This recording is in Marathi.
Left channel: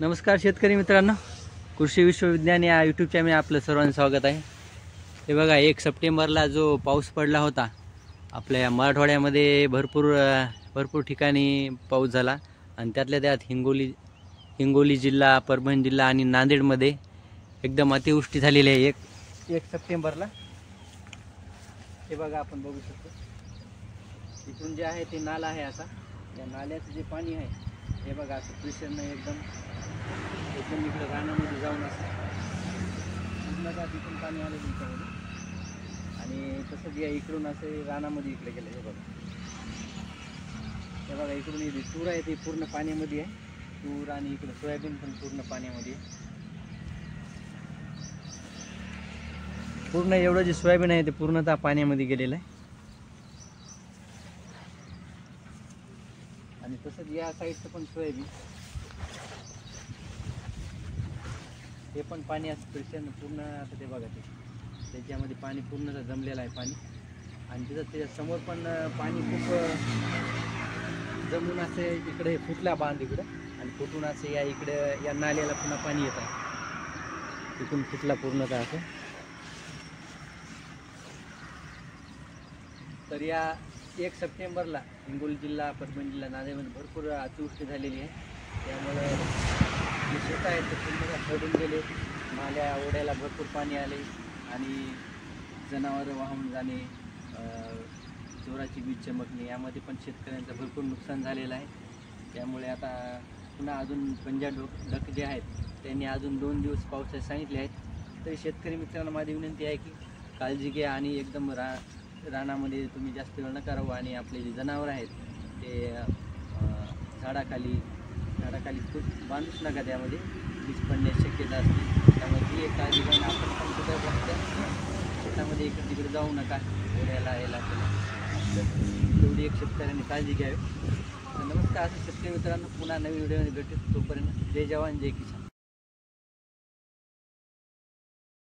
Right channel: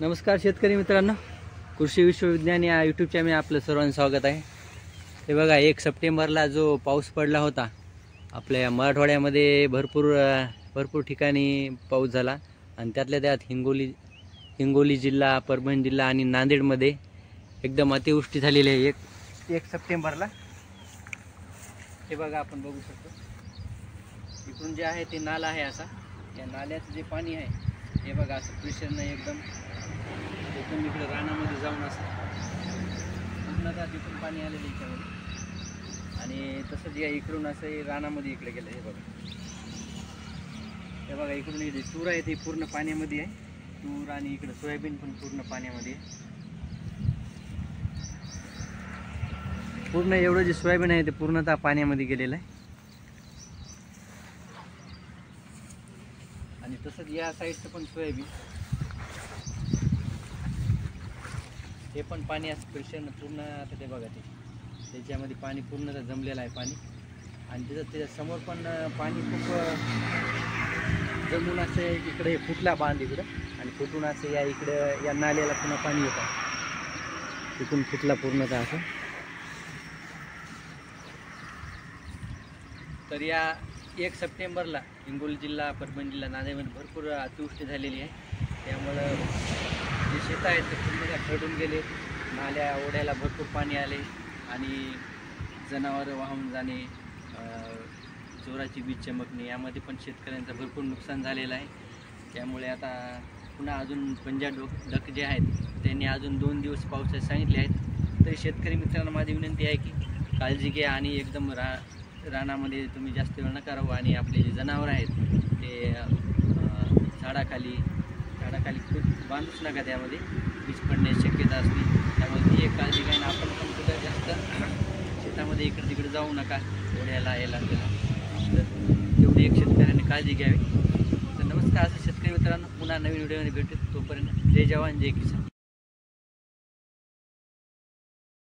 नमस्कार शेतकरी मित्रांनो, कृषी विश्वविज्ञान या यूट्यूब चॅनल आपलं सर्वांचं स्वागत आहे। हे बघा 1 सप्टेंबरला जो पाऊस पडला होता आपल्या मराठवाड्यामध्ये भरपूर ठिकाणी पाऊस झाला आणि त्यातल्या त्यात हिंगोली जिल्हा, परभणी जिल्हा आणि नांदेडमध्ये एकदम अतिवृष्टी झालेली आहे 1 सप्टेंबरला। हे बघा आपण बघू शकतो इकडून जे आहे ते नाला आहे असा, त्या नाल्याचं जे पाणी आहे हे बघा असं प्रेशरनं एकदम इकडे रानामध्ये जाऊन असं पूर्णतः तिथून पाणी आलेलं याच्यामध्ये आणि तसंच या इकडून असं रानामध्ये इकडे गेलं। हे बघा इकडून हे तूर आहे ते पूर्ण पाण्यामध्ये आहे, तूर आणि इकडे सोयाबीन पण पूर्ण पाण्यामध्ये आहे। पूर्ण एवढं जे सोयाबीन आहे ते पूर्णतः पाण्यामध्ये गेलेलं आहे आणि तसंच या साईडचं पण सोयाबीन हे पण पाणी असं प्रेशरनं पूर्ण आता ते बघा त्याच्यामध्ये पाणी पूर्ण जमलेलं आहे पाणी आणि त्याच्या समोर पण पाणी खूप जमून असे इकडे फुटला बांध इकडं आणि फुटून असं या इकडे या नाल्याला पुन्हा पाणी येतं, तिथून फुटला पूर्णतः असं। तर या 1 सप्टेंबरला हिंगोली जिल्हा, परभणी जिल्हा, नांदेडमध्ये भरपूर अतिवृष्टी झालेली आहे। त्यामुळं जे शेत आहेत ते पूर्ण खरडून गेले, नाल्या ओढ्याला भरपूर पाणी आले आणि जनावरं वाहून जाणे, जोराची वीज चमकणे यामध्ये पण शेतकऱ्यांचं भरपूर नुकसान झालेलं आहे। त्यामुळे आता पुन्हा अजून पंजाब जे आहेत त्यांनी अजून 2 दिवस पावसाचे सांगितले आहेत। तरी शेतकरी मित्रांना माझी विनंती आहे की काळजी घ्या आणि एकदम रानामध्ये तुम्ही जास्त वेळ नका राहू आणि आपले जे जनावरं आहेत ते झाडाखाली खूप बांधूच नका, त्यामध्ये वीज पडण्याची शक्यता असते। त्यामुळे ती एक काळजी घ्या आणि आपण पण कुठं जास्त शेतामध्ये इकडे तिकडे जाऊ नका, ओढ्याला यायला त्याला, तर तेवढी एक शेतकऱ्याने काळजी घ्यावी। तर नमस्कार असं शेतकरी मित्रांनो, पुन्हा नवीन व्हिडिओमध्ये भेटू, तोपर्यंत जय जवान जय किसान।